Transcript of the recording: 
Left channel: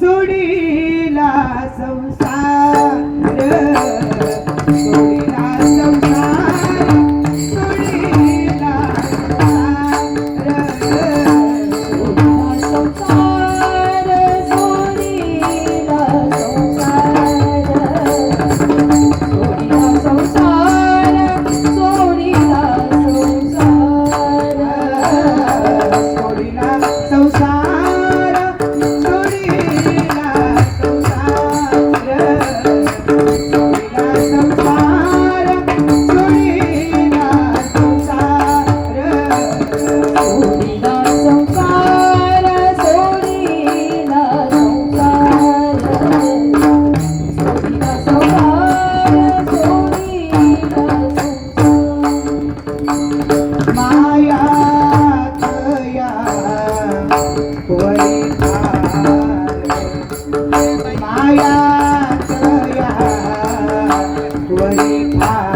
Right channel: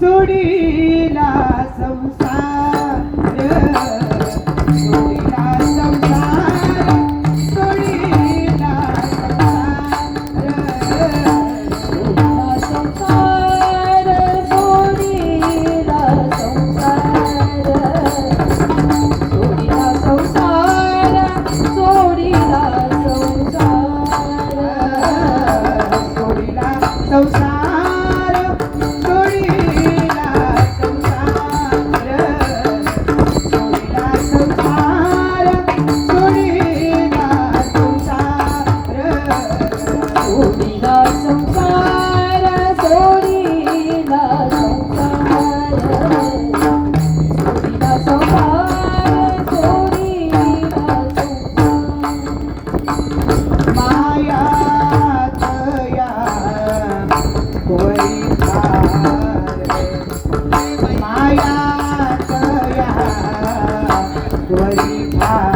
सुडीला संसार Yeah.